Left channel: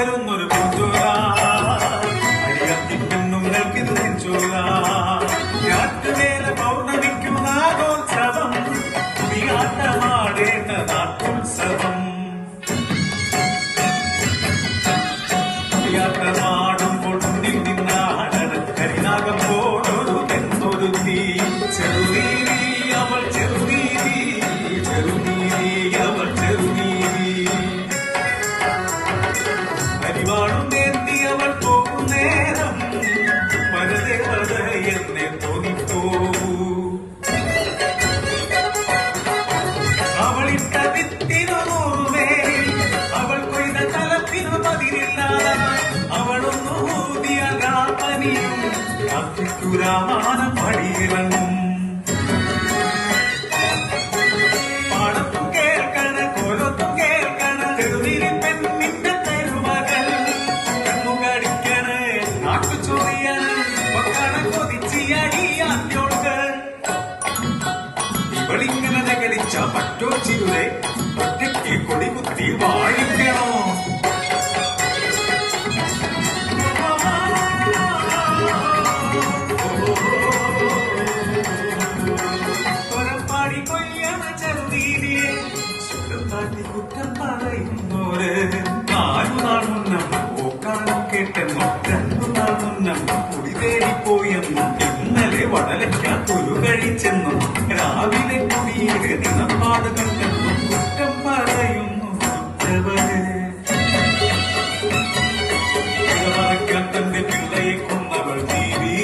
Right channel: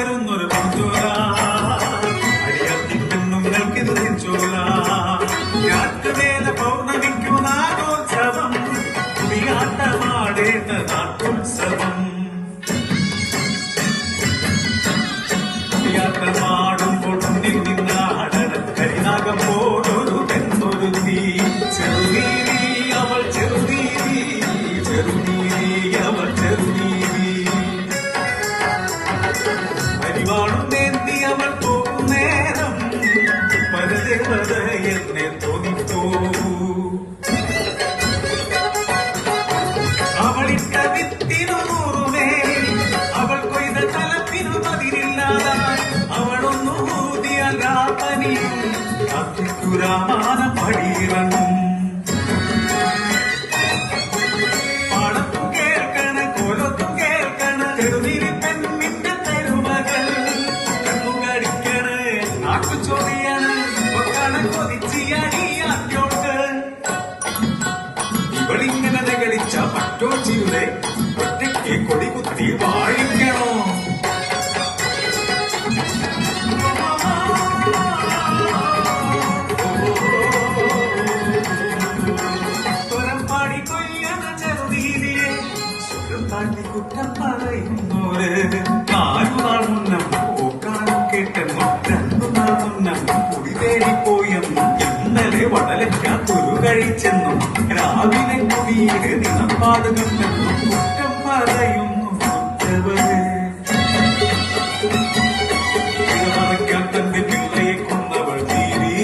പകരുന്നൊരു പൂഞ്ചോല അരിയത്തിന്നും നൽകിച്ചോല രാത്രിവേല പൗർണമിക്കു നാടോത്സവം നീലാട്ടമാടേണ്ട നാട്ടോത്സവം യാത്രമാടുമ്പോൾ നിന്നാടന കരിനാകമ്പോടൊരു തെന്നൊരുത്തി ചെറുനീതി അവൾ ചെറുനീതി ചെറുനീതി അവൾ ചെറുനീതി അരിവാളും നേർത്തി അവൾ പോകും നേരം പരദേവത എന്നെ തോന്നിപ്പോകൂ അവളിട്ട വിത്തിനു നൂറുമേ അവൾ കൊയ്ത തലപ്പിനു പതിരില്ലാതായി അവളൊന്നു ഊതിയല്ല പനിയും അത്തുരാമാനം പടിയിറങ്ങും പാടത്തു കേൾക്കണ കൊലത്തു കേൾക്കണ ചെറുതിരി പെണ്ണിന്റെ പെരുമകൾ കടിക്കണ നാട്ടു ചൊറിയണ ഒക്കാണ കൊതിച്ചിയടിയാറ്റോട്ട് ഇവരിങ്ങനെ നഗരിച്ച പറ്റോച്ചിയുടെ ഒറ്റയ്ക്ക് കൊടികുത്തി വാഴിക്കണോ പാടി കൊയ്യണ ചെറുതീരിയെ ചുരുപ്പാട്ടി കുറ്റം പറയുന്നോരെ നാലുനാളുന്നം പോക്കാനും കേട്ടെന്നും രണ്ടുനാളുന്നം കുടി തേടിപ്പോയെന്നും ഇന്നലെ വടലയ്ക്കാത്തൊരു കഴിച്ചെന്നും രാവിലെ കുടിയേറെ നിലപാട് കണ്ടെന്നും കുറ്റം പറയുന്നു തന്റെ പിള്ളയെ കൊന്നവൾ നീതി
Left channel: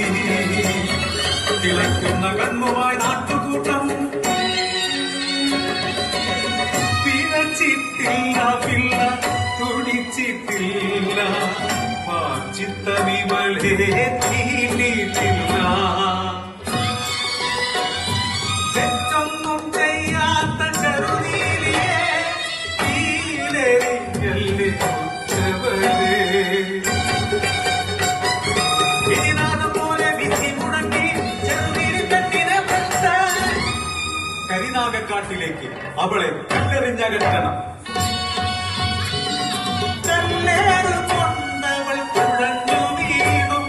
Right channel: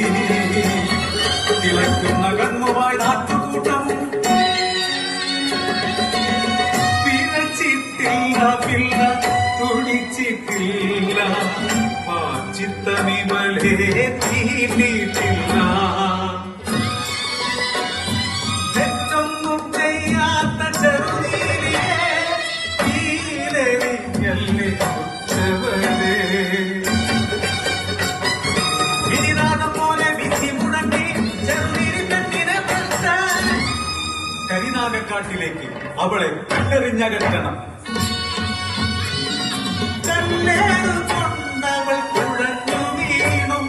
തിളക്കുന്ന കണ്ണുമായി നാട്ടുകൂട്ടം പിഴച്ചിട്ടില്ല പിള്ള തുടിച്ചിട്ടില്ല ചിത്തമിവളെ തീണ്ടിട്ടില്ല തെറ്റൊന്നും ചെയ്യാത്ത ചെറുനീരിയെ തീരെറിഞ്ഞല്ലേ പോലെ വിധി മുടങ്ങി ചെറുനീരി പെണ്ണിനെ കരിനാഗക്കാട്ടിലേക്ക് അവളെ കല്ലെറിഞ്ഞകറ്റണം കണ്ണേറും കൊണ്ടവൾ കുഴഞ്ഞു വീണും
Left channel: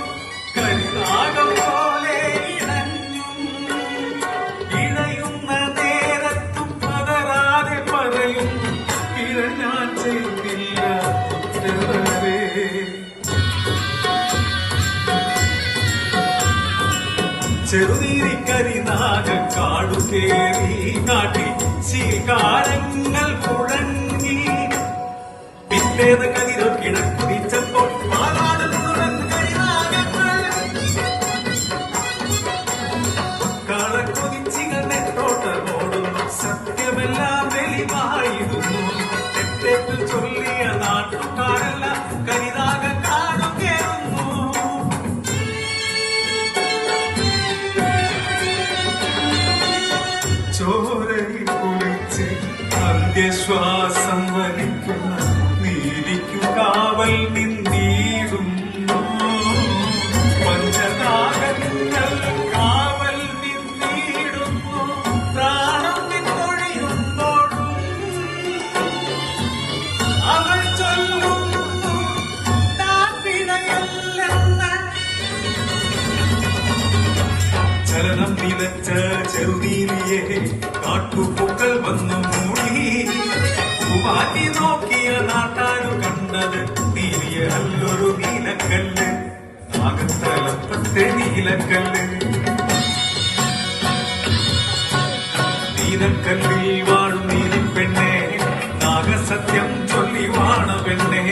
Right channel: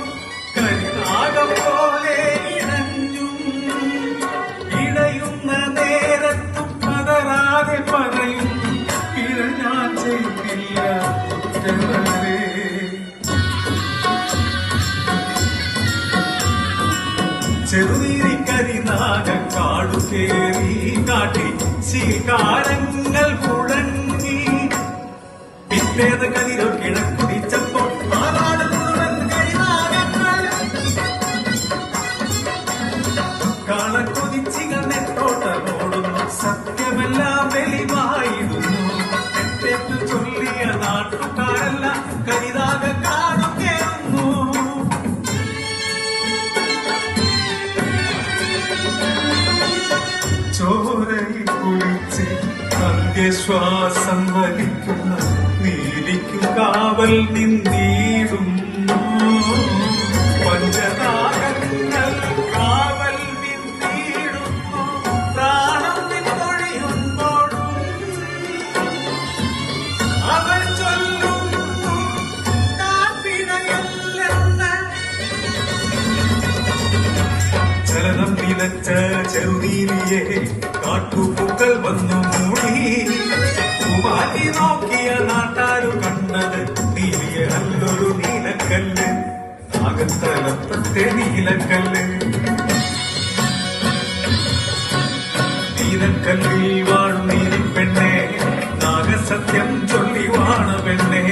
കരിനാഗം പോലെ ഇണഞ്ഞും ഇണയുന്ന നേരത്തും പതറാതെ പറയും ഇഴ ഞാൻ ചെയ്തില്ല ചെറുനീരി കരിനാഗക്കാടു കേറി കാട്ടി ശീകാരങ്ങൾ കുഴങ്ങി പിറ്റേത് കതിരോ കിഴക്കുതിച്ചപ്പോൾ കളക്കൊതിച്ചികളോട്ടമോടും സത്യമെല്ലാം വെളിവായിരുന്നു തെറ്റേറ്റു ചൊല്ലിയ നാട്ടുകാരെല്ലാം കരിനാഗക്കാടു കേറുന്നു ചോരയിൽ കുളിച്ച് അന്ത്യശ്വാസം വലിക്കുന്ന നീതിക്കു കാവൽ നിന്നീടുന്നു പഞ്ചതാരങ്ങൾ കാവൽ നിന്നീടുന്നു പ്രാണം നിന്നൊഴിയുമ്പോഴും അവർ ചൊല്ലുന്നു താപ്പിടയല്ലെന്ന് ചരണം നിലച്ച ചെറുനീരിയെ കാട്ടുപൂക്കൾ വന്നു മൂടി മാറ്റി നോക്കിയ നാട്ടാരു കണ്ടത് നീരിയെ നല്ലൊരു നീലക്കല്ല് അകത്തലപ്പത്തെ നീലക്കല്ല് നീലക്കല്ലിൽ വാഴും നീലി പെണ്ണെ നാഗസത്യം ചൊല്ലി വാണ പെണ്ണെ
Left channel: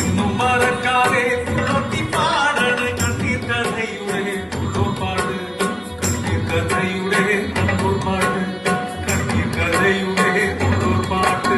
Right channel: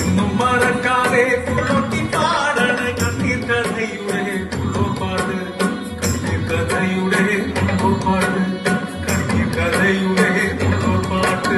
ഇന്നും മറക്കാതെ കുളൊട്ടി പാടണ കണ്ണീർ കഥയുടെ കുളോപ്പാട് കഥയുടെ കുളോപ്പാട്ട്